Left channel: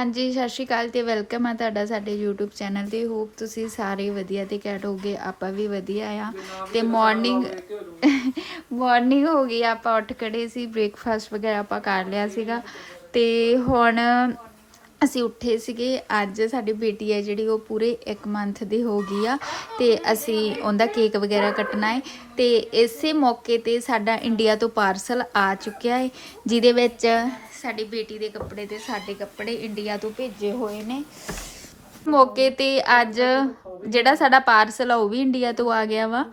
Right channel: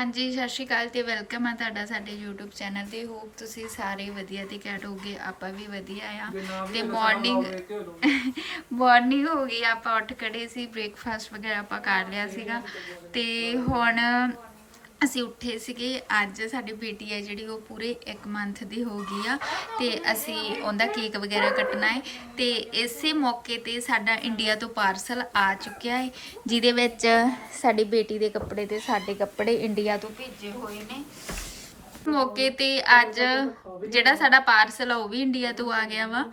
ਹਾਂਜੀ ਸਤਿ ਸ਼੍ਰੀ ਅਕਾਲ ਤੇ ਵੈਲਕਮ ਆ ਤੁਹਾਡਾ ਸਾਡੇ YouTube ਚੈਨਲ ਤੇ। ਹੋਪ ਤੁਸੀਂ ਸਾਰੇ ਵਧੀਆ ਤੇ ਕੈਟ ਹੋਗੇ ਆਪਾਂ ਵੀ ਵਧੀਆ ਆ। ਤੇ ਮਾਰਨਿੰਗ ਮਾਰਨਿੰਗ ਹੋ ਗਈ ਆਪਾਂ ਉੱਠ ਖੜੇ ਸੀ ਬ੍ਰੇਕਫਾਸਟ ਵਗੈਰਾ ਆਪਾਂ ਕਰ ਲਿਆ ਸੀਗਾ। ਤੇ ਹੁਣ ਅਸੀਂ ਉੱਠੇ ਸੀਗੇ, ਅੱਜ ਸਾਡੀ ਬੇਟੀ ਹੈ ਜਿਹੜੀ, ਉਹ ਪੂਰੇ 1 ਮੰਥ ਦੀ ਹੋ ਗਈ ਆ ਤੇ ਅਸੀਂ ਉਹਦਾ ਕੇਕ ਵਗੈਰਾ ਕੱਟਣਾ ਹੈ ਤੇ ਇਸੇ ਮੌਕੇ ਤੇ ਸਾਡਾ ਇੰਡੀਆ ਤੋਂ ਪਾਰਸਲ ਆ ਚੁੱਕਿਆ ਹੈ, ਜਿਹਦੇ ਵਿੱਚ ਸਾਡੀ ਬੇਟੀ ਦੇ ਕੱਪੜੇ ਤੇ ਸਾਡੇ ਕੱਪੜੇ ਇੰਡੀਆ ਤੋਂ ਭੇਜੇ ਹੋਏ ਨੇ। ਮੌਕੇ ਤੇ ਅੱਜ ਜਿਹੜਾ ਸਾਡਾ ਪਾਰਸਲ ਆ, ਉਹ ਵੀ ਇੰਡੀਆ ਤੋਂ ਆ ਗਿਆ ਵਾ।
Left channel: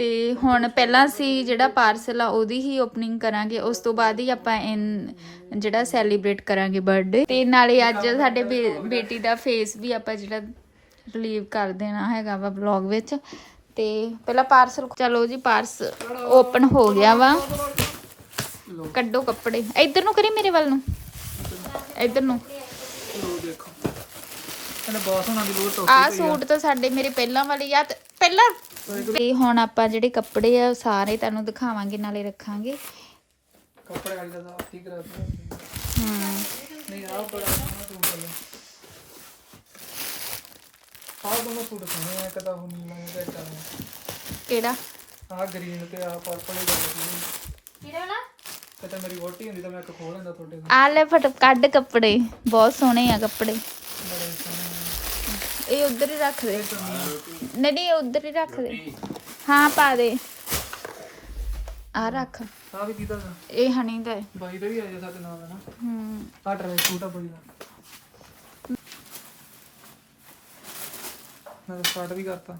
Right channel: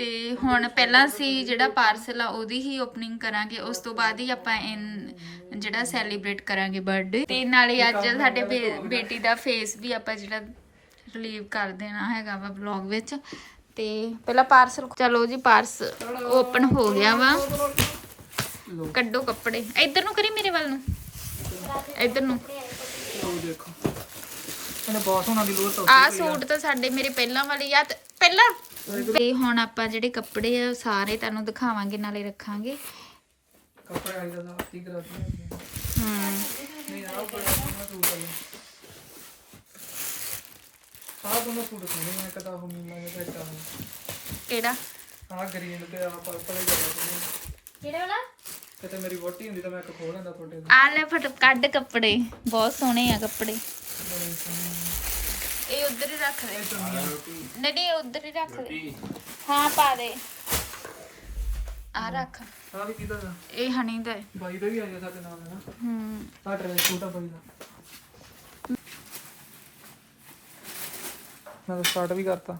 ਤੇ ਹੁਣ ਪਹਿਲਾਂ ਅਸੀਂ ਜਿਹੜਾ ਪਾਰਸਲ ਆ ਉਹਦੀ ਹੀ ਓਪਨਿੰਗ ਕਰਾਂਗੇ। ਉਸ ਤੋਂ ਬਾਅਦ ਹੀ ਆਪਾਂ ਇਨ ਜਿਹੜਾ ਸੈਲੀਬ੍ਰੇਟ ਕਰਾਂਗੇ ਬਰਥਡੇ ਤੇ ਨਾਲੇ ਅੱਜ ਸਾਡੇ ਬੇ- ਬੇਟੀ ਦਾ ਫੇਸ ਵੀ ਆਪਾਂ ਜਿਹੜਾ ਰਿਲੀਵ ਕਰ ਦੇਣਾ ਹੈਗਾ ਵਾ ਵਲੌਗ ਵਿੱਚ। ਤੇ ਪਹਿਲਾਂ ਪਾਰਸਲ ਚਲੋ ਜੀ ਪਾਰਸ ਓਪਨ ਹੋ ਗਿਆ ਵਾ। ਕੱਢੋ ਕੱਪੜੇ। ਇੱਧਰ ਨੂੰ ਕਰੀ ਮੇਰੇ ਵੱਲ ਨੂੰ? ਇੱਧਰ ਨੂੰ। ਲੋ ਦੇਖੋ। ਇਹਨੇ ਬਹੁਤ ਸੋਹਣਾ ਦੀ ਲੋਟ ਆ। ਸੂਟ ਤਾਂ ਸਾਡੇ ਮੇਰੇ ਪਹਿਲਾਂ ਵਾਲੀ ਆ। ਤੇ ਪਹਿਲਾਂ ਤੇ ਹੁਣ ਆਪਾਂ ਜਿਹੜੇ ਕੱਪੜੇ ਆ ਸਾਰੇ ਤੁਹਾਨੂੰ ਦਿਖਾਵਾਂਗੇ ਨਾਲੇ ਰੱਖਾਂਗੇ। ਕੱਪੜੇ ਆਈ ਦਾ ਆਤੀ ਕਰਾ ਦਿੱਤਾ ਹੂੰ। ਨਹੀਂ ਆ ਬੜਾ ਸੋਹਣਾ ਸੂਟ ਹੈ ਆ ਦੋਨੋਂ ਸੂਟ ਸੋਹਣੇ ਆ ਕਦਾ ਹੁਣ ਨਹੀਂ ਲਾਇਆ ਤੇ ਕਾ ਕਿਹੜਾ? ਆ ਗ੍ਰੀਨ ਤੇ ਆ ਪਰਪਲ ਹੀ ਜਾਂਦਾ ਕਿਹੜਾ ਵਾਲਾ? ਇਹ ਤਾਂ ਮੇਰੀ ਵੋਟੀ ਹੁੰਦੀ ਤਾਂ ਮੈਂ ਇੱਕ ਖੋਲ ਲੈਂਦਾ ਤੁਹਾਡੇ ਆ ਲੈ ਫਟ ਕੱਢ ਕੱਪੜੇ ਬਹੁਤ ਸੋਹਣੇ ਆ ਕੱਪੜੇ। ਇਹ ਉਧਰ ਹੀ ਰੱਖ ਲੈ ਨਹੀਂ। ਨਹੀਂ ਉਧਰ ਹੀ ਰੱਖ ਲੈ ਹਾਂ ਪਾ ਦੇ। ਆ ਰੱਖ। ਆ ਵੀ ਕਿਹਦਾ ਦਾ? ਇਹ ਹਣੀ ਦਾ ਹੈ। ਬਾਈ ਦਾ ਹੀ ਆ ਜਾ ਸਾਡੇ ਨਾਲ ਨਾ? ਹੂੰ। ਆ ਟਰੈ ਸੂਟ ਆ ਬਾਈ ਦਾ। ਮੈਂ ਸਟਾਰਟ ਵੀ ਕਰਤਾ।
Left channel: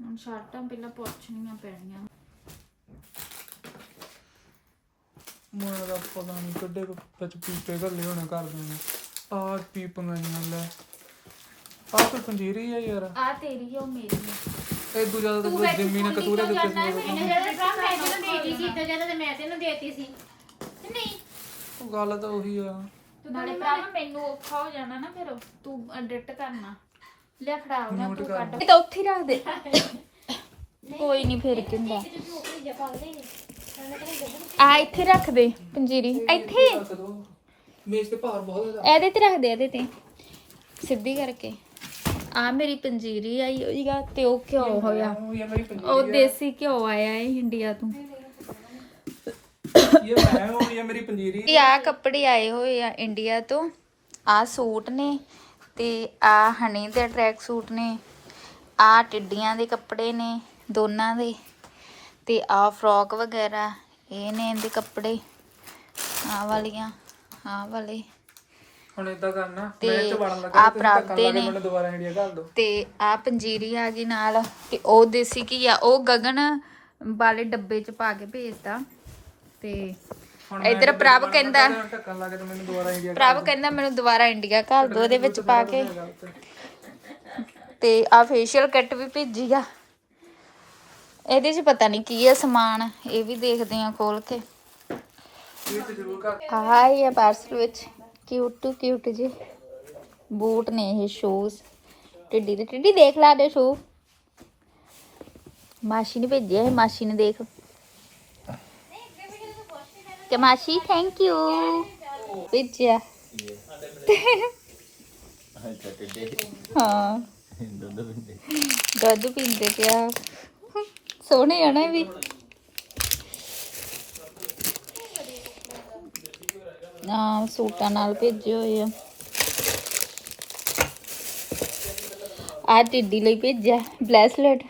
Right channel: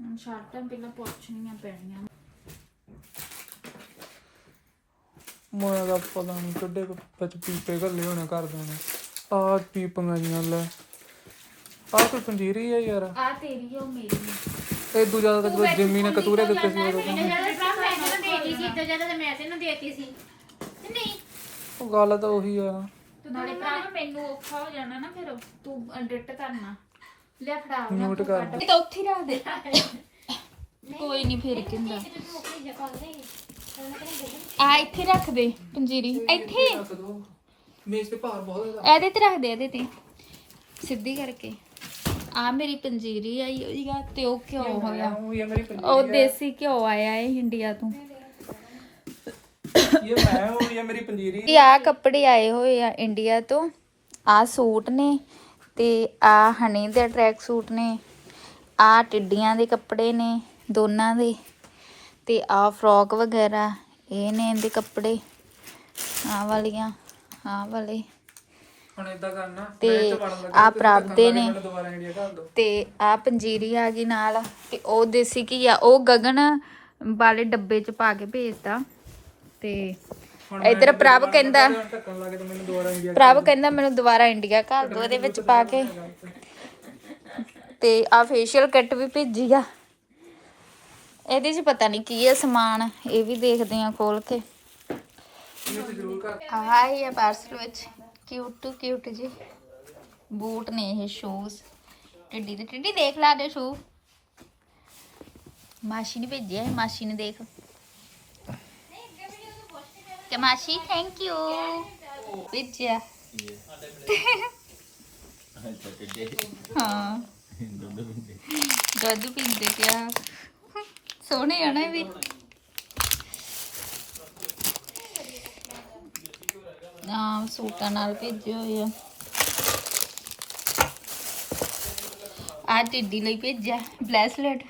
ਹੁਣ ਸ਼ਰਟਾਂ ਪਹਿਲਾਂ ਪੁੱਛਣੀਆਂ ਪੈਣੀਆਂ। ਮੈਂ ਦਾ ਪਤਾ ਨਹੀਂ ਕੱਢੇ ਕੁ ਵਿੱਚ ਪੀਪੇ ਘੱਲੇ ਹੋਣੇ ਘਰ ਦੇ ਨੇ। ਆ ਪੀਪਾਂ ਜੀਆਂ ਲੈ। ਆ ਕੋਈ ਪੰਜੀਰੀ ਆ ਯਾਰ। ਆ ਤੇਰੀ ਆ ਉਹ ਮੇਰੀ ਇਹ ਦੂਜਾ ਤਾਂ ਕੋਈ ਜਿੰਮੀ ਨੇ ਕਤੂਰੇ ਦਿੱਤੇ ਸੀ ਉਦੋਂ। ਤਾਂ। ਉਹ ਗੱਲ ਤਾਂ ਉਹੀ ਆ। ਨਾਲੇ ਭਰਾ ਮੈਨੂੰ ਔਖਾ ਹੋ ਜਾਣਾ ਨਾ ਫਿਰ। ਤੂੰ ਐਡਿਟ ਕਰਨਾ। ਲਿਆ ਫੜਾ ਉਹਨਾਂ Note ਤੂੰ ਕਰ। ਕੱਢ ਤਾਂ ਉੱਥੇ ਹੀ ਰੱਖ ਦੇ। ਕੋਈ ਨਹੀਂ ਫਿਰ ਕਿੰਦਾ। ਆ ਇੱਥੇ ਰੱਖ ਦੇ ਪੰਜੀਰੀ। ਇੱਥੇ? ਰੱਖ ਦੋ ਮੇਜ਼ ਤੇ ਭਾਰ ਬਹੁਤ ਜ਼ਿਆਦਾ। ਇਹਦੇ ਤੇ ਰੱਖ ਦੇ ਇਹਦੇ ਤੇ। ਸਿੱਧੀ ਕਰਕੇ। ਆ ਮੇਰੀ ਪੰਜੀਰੀ ਆਈ ਹੋਈਗਾ ਤੇ ਉਹ ਘਿਓ ਹੋਇਆ। ਉਹ ਯਾਰ ਮੇਰੀ ਪੰਜੀਰੀ ਉਹ ਦੇਸੀ ਘਿਓ ਆਇਆ ਹੈ ਇੰਡੀਆ ਤੋਂ। ਇਹ ਮੈਂ ਉਹ ਯਾਰ ਮੇਰੀ ਪੰਜੀਰੀ। ਇਹ ਆ ਕੱਪੜੇ ਆਏ ਹੋਏ ਆ ਇੰਡੀਆ ਤੋਂ। ਆ ਸੂਟ ਨੇ ਤੇ ਆ ਹਨੀ ਦੇ ਟਰੈਕ ਸੂਟ ਨੇ। ਆ ਟਿੱਡੀਆਂ ਦੇ ਕੱਪੜੇ ਨੇ ਦੋਨਾਂ ਦੇ। ਤੇ ਆ ਫਰੋਕ ਵਗੈਰਾ ਇਹ ਨੇ ਇਹਦੇ ਕੱਪੜੇ ਆ ਵਾਲੀਆਂ ਆ ਵਾਲੇ। ਹੁਣ ਇਦਾਂ ਕਰਨਾ ਤੇ ਮੈਂ ਇੱਥੇ ਵੜਨ ਲੱਗਾ, ਆਹ ਤੁਸੀਂ ਪ੍ਰਾਪ ਧੱਕਾ ਦੇ ਲਾ ਕੇ ਨੇ। ਤੇ ਆ ਪੰਜੀਰੀ ਆ ਗਈ ਨਾਲ ਤੇ ਉਹ ਦੇਸੀ ਕੀ ਆ ਉਹ ਗਗਨ ਵਾਲੇ ਡੱਬੇ ਚ ਪਾ ਕੇ ਭੇਜਦਾ ਤੇ ਇਧਰ ਪ੍ਰਭ ਕਹਿੰਦਾ ਪ੍ਰਭ ਕਹਿੰਦਾ ਮੈਨੂੰ ਦੁਬਾਰਾ ਇੰਡੀਆ ਘੱਲ ਦੋ ਇਹਦੇ ਵਿੱਚ ਪਾ ਕੇ। ਤੇ ਆ ਫੇਸ਼ੀਅਲ ਕਿੱਟ ਵੀ ਭੇਜੀ ਆ। ਇਹਦੇ 'ਚ ਪਤਾ ਨਹੀਂ ਕੀ ਹੈ ਸਮਾਨ ਇਹ ਵੀ ਦੇਖਦੇ ਆ ਖੋਲ ਕੇ। ਇਹ ਤੇ ਜ਼ਰੂਰ ਕਰ ਆਹ ਹੀ ਹੈ ਪਾਰਸਲ ਵਿੱਚ। ਕਿਊਟ ਟੂ ਕਿਊਟ ਜੀ। ਬੂਟ ਨੇ ਇਹ ਸ਼ੂਜ਼ ਟਿੱਡੀ ਦੇ ਟਿੱਡੀ ਦੇਖ ਲਾ ਦੇ ਸ਼ੂ ਮਾਸੀ ਨੇ ਭੇਜਿਆ ਹੈ ਮਾਸੀ ਨੇ ਦੇਖ। ਕਿ ਮਾਸੀ ਥੈਂਕ ਯੂ ਭੇਜਿਆ। ਹਾਂ। ਦੁੱਧ ਪੀਂਦੇ ਪਿਆ। ਸੋਹਣੇ ਆ ਨਾ ਇਹ ਵੀ। ਆ ਸੂਟਾਂ ਨਾਲ ਭੇਜੇ ਹੋਏ ਆ। ਆ ਟਿੱਡੀ ਲਈ ਭੇਜਿਆ, ਬ੍ਰੈਸਲੇਟ।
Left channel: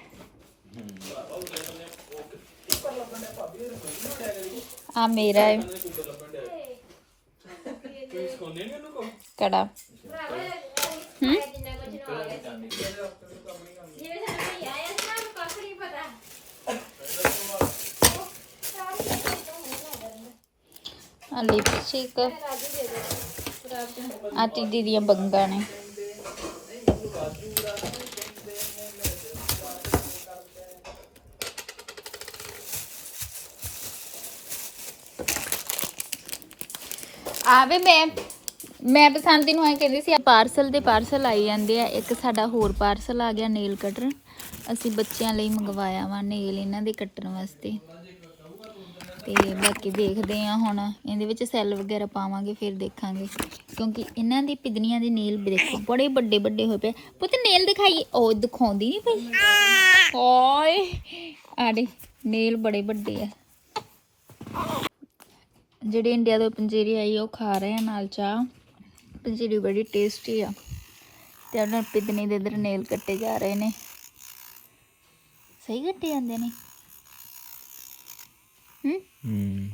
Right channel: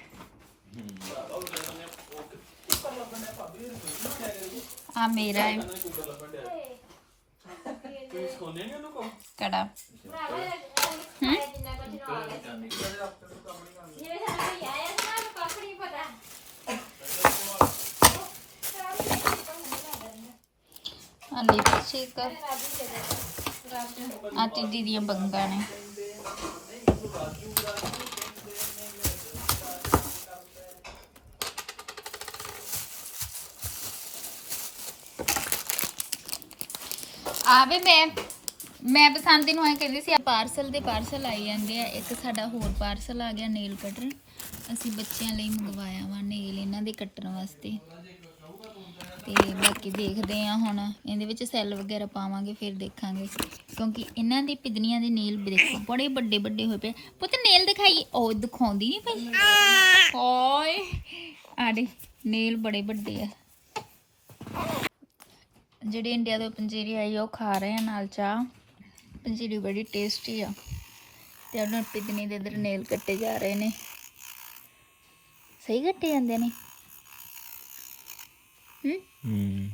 ਆ ਮੇਰਾ ਹੈ ਕੜਾ। ਹੂੰ? ਲਿਪਸਟਿਕ ਆ ਟਿੱਡੀ ਦੀਆਂ ਬੰਗਾਂ ਨੇ। ਆਵੇ, ਮੈਂ ਮੈਂ ਬਸੰਤੀ ਨੂੰ ਐ ਕਹਿੰਦੀ ਸੀ ਪਾਰਸਲ ਦੇ ਪਾਰਸਲ ਆਈ ਜਾਂਦੇ ਆ। ਇੱਕ ਸਾਡਾ ਹੋਰ ਪਾਰਸਲ ਆ ਗਿਆ ਨੇਲ ਕਟਰ ਅਸੀਂ ਬੱਚਿਆਂ ਲਈ ਮੰਗਵਾਇਆ ਵਾ ਨੇਲ ਇਹਨਾਂ ਦੇ ਕੱਟਣ ਵਾਸਤੇ। ਤੇ ਬਾਕੀ ਦੇਖਦੇ ਆ ਹੁਣ। ਇਹਦੇ ਵਿੱਚ ਸੈੱਲ ਵਗੈਰਾ ਪਾਵਾਂਗੇ, ਫਿਰ ਦੇਖਾਂਗੇ। ਕਿਉਂਕਿ ਇਹਨਾਂ ਦੀ ਪਿਦਨੀਆਂ ਦੇ ਨੇਲ ਦੇਖੋ, ਬੜੇ ਵੱਡੇ ਵੱਡੇ ਹੋਏ ਪਏ ਪੁੱਤ ਨੇਲ ਦਿਖਾਈ, ਉਹ ਦਿਖਾਉਂਦੀ ਨਹੀਂ ਪਈ। ਓਏ ਆੜੇ ਨੇਲ ਬੜੇ ਵੱਡੇ ਆ। ਜਿਹੜੇ ਇੰਡੀਆ ਤੋਂ ਪੰਜੀਰੀ ਆਈ ਆ, ਉਹ ਖਾ ਰਹੇ ਆ ਨਾਲ ਚਾਹ। ਪੰਜੀਰੀ ਬੜੀ ਟੇਸਟੀ ਆ। ਤੇ ਉਹਨਾਂ ਪਿਦਨੀ ਦੇ ਇਧਰ ਨੇਲ ਕੱਟੇ ਜਾ ਰਹੇ ਨੇ। ਸਹੀ ਕੱਟੇ ਜਾਂਦੇ ਨੇ। ਹੂੰ। ਹੂੰ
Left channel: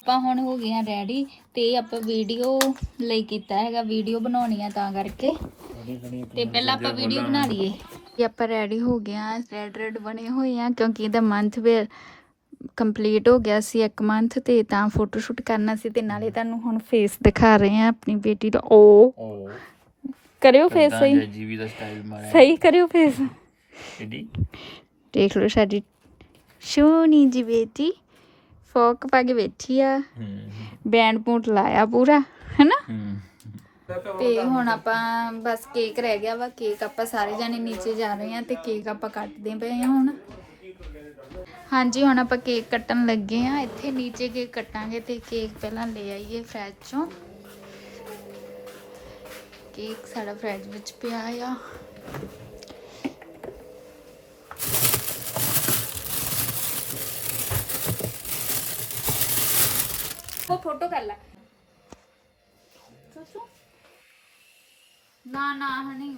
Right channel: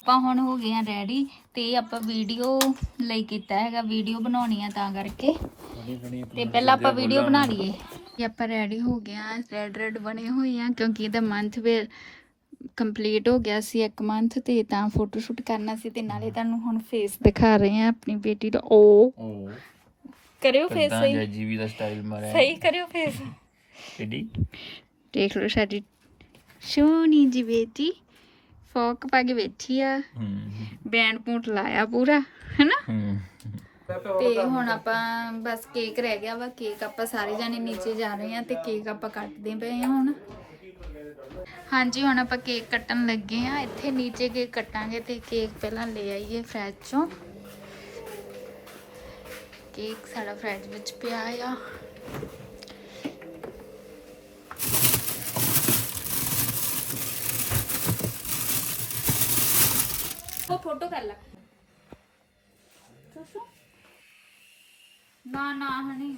ਆਪਾਂ ਹੁਣ ਹੋ ਗਏ ਆ ਰੈਡੀ ਤੇ ਆਪਾਂ ਵੀਡੀਓ ਲਈ ਕੀਤਾ ਹੈਗਾ ਵੀਡੀਓ ਬਣਾਉਣੀ ਆ ਤਾਂ ਕਰਕੇ। ਤੇ ਪਹਿਲਾਂ ਆਪਾਂ ਵੀਡੀਓ ਬਣਾ ਲਈਏ। ਤੇ ਆਪਾਂ ਰੈਡੀ ਹੋ ਗਏ ਆ ਰੈਡ ਰੈਡ ਬਣੇ ਹੋਏ ਆ ਕਿਉਂਕਿ ਇਹਦਾ ਮੰਥ ਵੀ ਕੰਪਲੀਟ ਹੋ ਗਿਆ ਸੀ ਇੱਕ ਮੰਥ ਤੇ ਤਾਂ ਫੋਟੋ ਸ਼ੂਟ ਕਰਨਾ ਸੀ ਤੇ ਨਾਲੇ ਤੁਹਾਨੂੰ ਹੁਣ ਫੇਸ ਦਿਖਾ ਰਹੇ ਆ ਆਪਣੀ ਬੇਟੀ ਦਾ। ਓ। ਕਰਿਓ ਫੇਸ ਸਹੀ। ਜੀਵੀ ਦਾ ਸਟਾਈਲ ਮਾਰਿਆ। ਸਹੀ ਕਰਿਓ ਫੇਸ ਦੇਖ ਲਓ ਸਾਡੀ। ਸੋਹਣੀ ਜੀ ਬੇਟੀ। ਫੋਕ ਪਾ ਕੇ ਬੈਠੀ ਆ। ਬੈਂਡ ਪੂਟ ਲਾਇਆ ਪੂਰਾ ਹੈਨਾ? ਤੇ ਹੁਣ ਆਪਾਂ ਬਸ ਕੇਕ ਰਹਿ ਗਿਆ ਵਾ ਕੇਕ ਆਪਾਂ ਸਾਰੇ ਜਾਣੇ ਨੀਚੇ ਜਾ ਰਹੇ ਆ ਤੇ ਕੇਕ ਆਪਾਂ ਕੱਟਦੇ ਪਏ ਆ ਹੁਣ। ਹਾਂਜੀ ਹੁਣ ਆਪਾਂ ਕੇਕ ਕੱਟਣ ਲੱਗੇ ਆ। ਇੱਥੇ ਨੀਚੇ ਕੇਕ ਕੱਟਾਂਗੇ ਤੇ ਕੇਕ ਪਹਿਲਾਂ ਲੈ ਆਈਏ ਫ੍ਰਿਜ ਚੋਂ। ਕੇਕ ਸਾਡਾ ਫ੍ਰਿਜ ਵਿੱਚ ਪਿਆ ਆ। ਉਹ ਫੋਟੋ ਕਰ ਲੈ। ਸਸੂ ਨਾ ਨਾ ਹਣੀ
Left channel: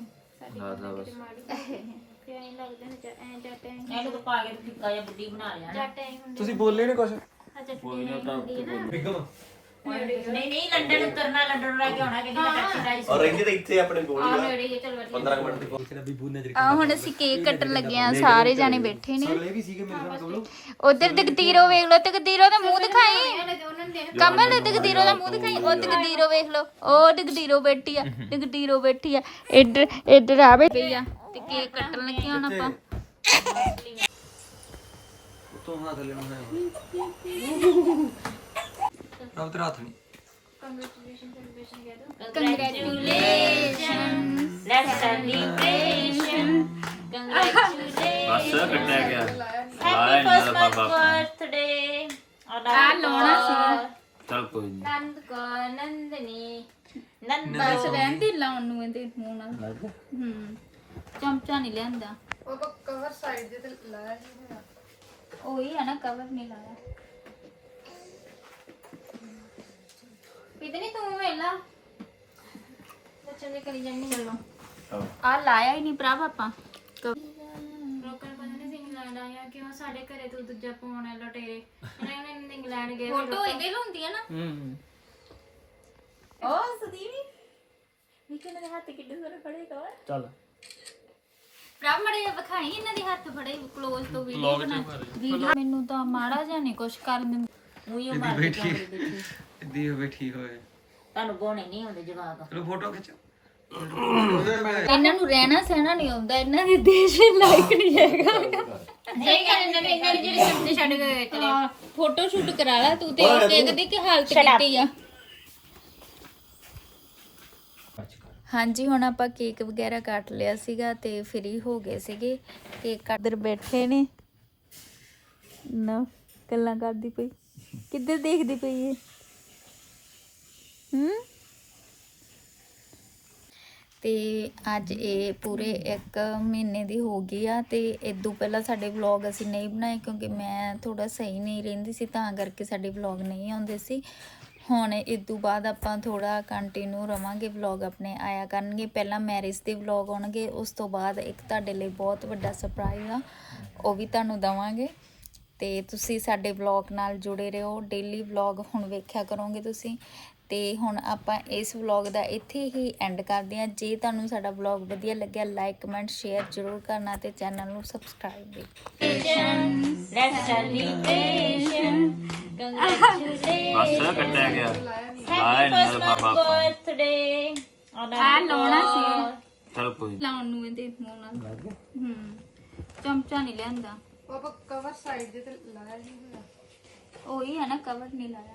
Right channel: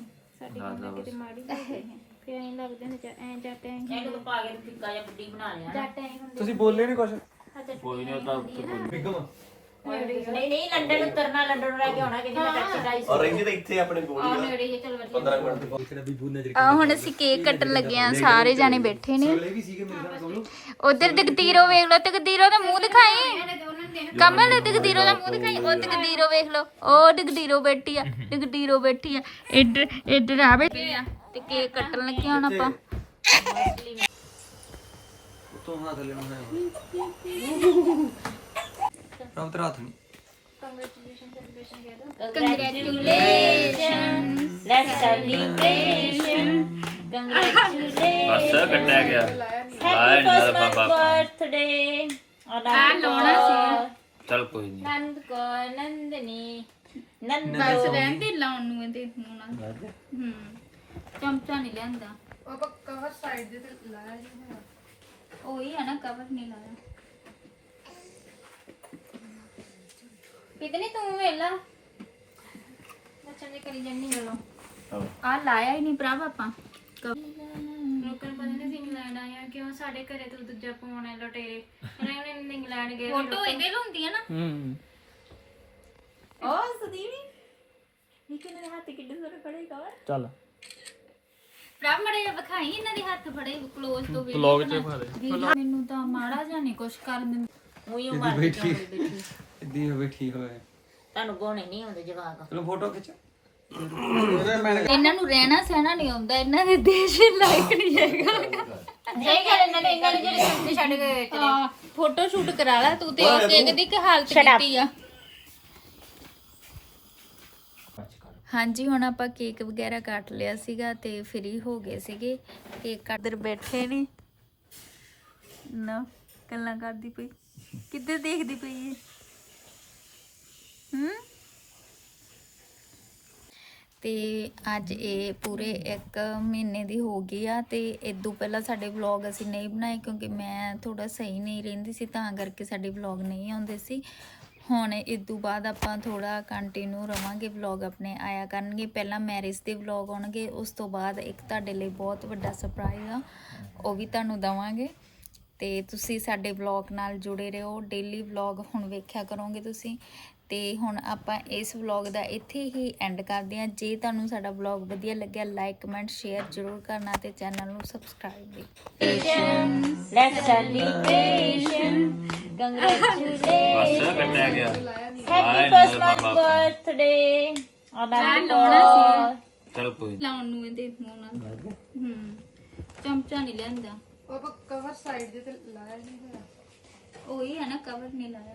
ਹਾਂ ਦਾ ਬਸ। ਨਹੀਂ ਲੱਗਦੇ ਨੇ। ਐ ਜੱਟ ਐ ਤੁਸੀਂ ਬੋਲੇ ਨਹੀਂ ਕੁਝ ਕੋਈ ਨਹੀਂ ਤਾਂ ਉੱਤੇ ਕੋਈ ਔਰ ਰਹਿੰਦੇ ਤਾਂ ਇੱਥੇ ਆਪਣੇ ਕੋਲ ਹੀ ਆ 15 ਮਿੰਟ ਦੀ ਆ ਹੁਣ ਅਸੀਂ ਕੇਕ ਕੱਟਣ ਲੱਗੇ ਆ ਸਾਰੇ ਜਾਣੇ ਬੈਠੇ ਨੇ। ਉਧਰ ਜਗਦੀਰੋ ਵੇਖ ਲਓ ਜਗਦੀਰੋ ਦਾ ਮੂੰਹ ਦਿਖਾਈ। ਕਮਲ ਜਗਦੀਰੋ ਦਾ ਮੂੰਹ ਦਿਖਾਈ। ਉਹ ਜਗਦੀਰੋ ਵੇਖ ਲਓ। ਉਹ ਜਗਦੀਰੋ ਬੈਠੀ ਆ ਜਗਦੀਰੋ ਬੈਠੀ ਆ। ਇੱਧਰ ਇੱਧਰ ਆ ਬੈਠੀ ਆ। ਤੇ ਕੇਕ ਕੱਟਣ ਲੱਗੇ ਹੁਣ ਆਪਾਂ। ਉਤੋਂ ਹੱਥ ਲੈਣਾ ਹੈ। ਰਾਉ ਤੇ ਹੱਥ ਨਹੀਂ। ਕੰਗ੍ਰੈਚੁਲੇਸ਼ਨ ਲੈਟਸ ਸੈਲੀਬ੍ਰੇਸ਼ਨ ਬਸ ਕੱਟਿਆ ਗਿਆ। ਲਾਇਆ ਨਹੀਂ ਨਾਲ ਪਾਪਾ ਬਰਥਡੇ ਆ ਲਾਉਣਾ ਸੀ। ਚਲ ਕੋਈ ਨਹੀਂ ਨੰਦ ਕੋ ਨੰਦਨੀ ਨੰਦਾ। ਰਹਿੰਦੇ ਲਾਉਣ ਨੂੰ ਇਹਦੇ ਮੂੰਹ ਨਾਲ ਹੂੰ। ਚਮਚਾ ਨਹੀਂ ਲੈਂਦਾ ਉਹ ਕਵਰ ਸਾਈਡ ਦੇ ਤੇ ਲਾਇਆ ਉਹੀ ਹੈ ਨਾ ਕਵਰ ਨਹੀਂ ਲਾਇਆ। ਕਿਤਨੀ ਤੂੰ ਵੇਲਾ। ਜੇ ਕਰੀ ਜਾਨੀ ਚਲੋ ਆ ਲਾਇਆ ਹੀ ਨਹੀਂ ਭਰਾ ਆਪਾਂ। ਲੋਕਾਂ ਨੂੰ ਪਤਾ ਨਹੀਂ ਸੀ ਇੰਗਲੈਂਡ ਆਇਆ ਕਿਉਂ ਸਾਡੇ ਘਰੇ ਤੋਂ ਦੂਜਾ ਪਾਉਣੇ ਲਟੇਰੇ। ਉਹਨਾਂ ਨੇ ਇੰਗਲੈਂਡ ਗਏ ਫੋਟੋ ਇਹਦੇ ਹੁੰਦੀ ਹੈ ਨਾ। ਹੂੰ। ਉਹ ਸਦੀਵੀ ਨੀਚੇ ਮੇਰੇ ਹੱਥ ਕਿੱਡੇ ਸਾਰੇ ਖੜੇ ਕਵਰ ਚੱਲ। ਭਰਾ ਮੜੇ ਵਿਖਾਈ ਇਹਨਾਂ ਦੇ ਹੱਥ ਫੜੇ ক্লোਜ਼ ਤੋਂ ਵੀਡੀਓ ਬਣਾ। ਵੀਡੀਓ ਮੈਨੂੰ ਤਾਂ ਮਾੜਾ ਨਹੀਂ ਕੁਛ ਕਰ ਬੈਠੀ। ਹੋਏ ਤੁਹਾਨੂੰ ਬੋਣੇ ਨਹੀਂ ਆਉਂਦੇ ਜਵਾਬ ਚਲੋ ਫੋਟੋ ਖਿੱਚੋ। ਇਹਨਾਂ ਨੂੰ ਰਹਿਣਾ ਸਹਿਣਾ ਨਹੀਂ ਆਉਂਦਾ ਇਹਨਾਂ ਦੇ ਦੇਸ਼ ਲਾਇਕ ਨਹੀਂ ਹੈਗਾ। ਸਹੀ ਗੱਲ ਇਹਨਾਂ ਨੇ ਇਹਨਾਂ ਨੇ ਜਿਹੜੇ ਸੰਦੇ ਛੱਡ ਗਏ ਹਾਂ ਫੋਟੋ ਸ਼ੂਟ ਕਰਾ ਲੈ ਤੂੰ ਤੇ ਕੇਕ ਦੀ ਕੀ ਹਾਲਤ ਕੀਤੀ ਆ। ਹਾਂਜੀ ਹੁਣ ਆਪਾਂ ਕੇਕ ਵਗੈਰਾ ਕੱਟ ਲਿਆ ਸੀਗਾ ਤੇ ਫ੍ਰੀ ਹੋ ਗਏ ਸੀਗੇ। ਕੇਕ ਕੱਟਦਰ ਬੈਠੇ ਨੇ। ਨਾ ਗੱਲਾਂ ਕਰਦੀ ਪਈ। ਕਿੱਧਰ ਦੇਖਦੀ ਪਈ ਏ? ਹੂੰ ਤੇ ਅੱਜ ਇਹ ਪੂਰੇ 1 ਮਹੀਨੇ ਦੀ ਹੋ ਗਈ ਆ ਤੇ ਇਦੋਂ ਪਹਿਲਾਂ ਸਾਡੇ ਵਲੌਗ ਅਸੀਂ ਨਹੀਂ ਬਣਾਏ ਕਿਉਂਕਿ ਮੈਂ ਥੋੜਾ ਸਹੀ ਨਹੀਂ ਰਹਿੰਦੀ ਸੀ ਤਾਂ ਕਰਕੇ ਸਾਡੇ ਵਲੌਗ ਨਹੀਂ ਆਉਂਦੇ ਸੀ। ਹੁਣ ਇਦੋਂ ਬਾਅਦ ਆਪਾਂ ਥੋੜਾ ਕੰਟੀਨਿਊ ਰਵਾਂਗੇ ਵਲੌਗ ਆਪਣੇ ਆਇਆ ਕਰਨਗੇ। ਪਹਿਲਾਂ ਮੈਰਿਜ ਦੇ ਵਲੌਗ ਆਉਣਗੇ, ਉਸ ਤੋਂ ਬਾਅਦ ਇੱਕ ਤੁਹਾਡੇ ਲਈ ਬਹੁਤ ਵੱਡਾ ਸਰਪ੍ਰਾਈਜ਼ ਆ, ਉਹ ਵੀ ਤੁਹਾਨੂੰ ਦਵਾਂਗੇ। ਤੇ ਤੁਸੀਂ ਸਾਡੇ ਵਲੌਗ ਨਾਲ ਜੁੜੇ ਰਹੋ ਡੇਲੀ ਵਲੌਗ ਹੁਣ ਵੇਖਿਆ ਕਰੋਗੇ ਤੁਸੀਂ। ਤੇ ਹੁਣ ਆਪਾਂ ਇਸ ਵਲੌਗ ਦਾ ਇੱਥੇ ਹੀ ਐਂਡ ਕਰਦੇ ਹਾਂ। ਜੇ ਤੁਹਾਨੂੰ ਸਾਡਾ ਵਲੌਗ ਵਧੀਆ ਲੱਗਿਆ ਲਾਈਕ ਕਮੈਂਟ ਸ਼ੇਅਰ ਜ਼ਰੂਰ ਕਰਨਾ ਤੇ ਚੈਨਲ ਨੂੰ ਸਬਸਕ੍ਰਾਈਬ ਵੀ। ਬਸ ਕੱਟਿਆ ਗਿਆ। ਨਹੀਂ ਨਾਲ ਪਾਪਾ ਬਰਥਡੇ ਆ ਲਾਉਣਾ ਸੀ। ਚਲ ਕੋਈ ਨੀ। ਲਾਉਣ ਨੂੰ ਇਹਦੇ ਮੂੰਹ ਨਾਲ। ਹੂੰ। ਚਮਚਾ ਨਹੀਂ ਲੈਂਦਾ ਉਹ ਕਵਰ ਸਾਈਡ ਦੇ ਤੇ ਲਾਇਆ ਨਹੀਂ ਹੋਇਆ। ਉਹੀ ਹੈ ਨਾ ਕਵਰ ਨਹੀਂ ਲਾਇਆ।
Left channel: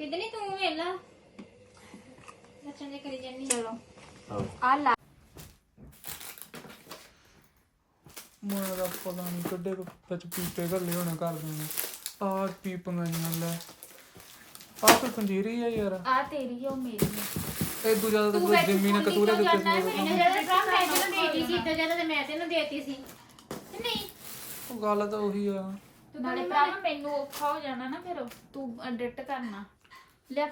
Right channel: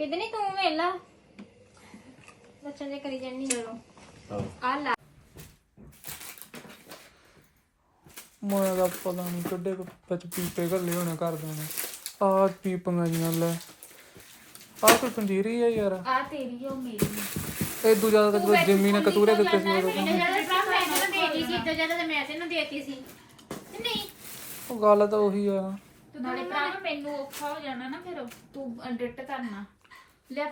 ਕਿਦਨੀ ਤੂੰ ਵੇਲਾ ਅੱਛਾ ਜੇ ਕਰੀ ਜਾਨੀ ਚਲੋ। ਆ ਲਾ। ਮੈਂ ਦਾ ਪਤਾ ਨਹੀਂ ਕੱਢੇ ਕੁ ਵਿੱਚ ਪੀਪੇ ਘੱਲੇ ਹੋਣੇ ਘਰਦਿਆਂ ਨੇ। ਆਹ ਪੀਪੀਆਂ ਜੀਆਂ ਲੈ। ਆਹ ਕੋਈ ਪੰਜੀਰੀ ਆ ਯਾਰ। ਆ ਤੇਰੀ ਆ ਉਹ ਮੇਰੀ ਆ। ਇਹ ਦੂਜਾ ਤਾਂ ਕੋਈ ਜਿੰਮੀ ਨੇ ਕਤੂਰੇ ਸੀ ਭਰਾ ਮੈਂ ਤੈਨੂੰ ਦੇਤੀ ਸੀ ਤੇ ਜਦੋਂ ਮੈਂ ਤੈਨੂੰ ਦੇਤੀ ਸੀ। ਤੇ ਨਹੀਂ? ਉਹ ਗੱਲ ਤਾਂ ਉਹੀ ਆ। ਨਾਲੇ ਭਰਾ ਮੈਨੂੰ ਔਖਾ ਹੋ ਜਾਣਾ ਨਾ ਫਿਰ। ਤੂੰ ਐਡਿਟ ਕਰਨਾ। ਲਿਆ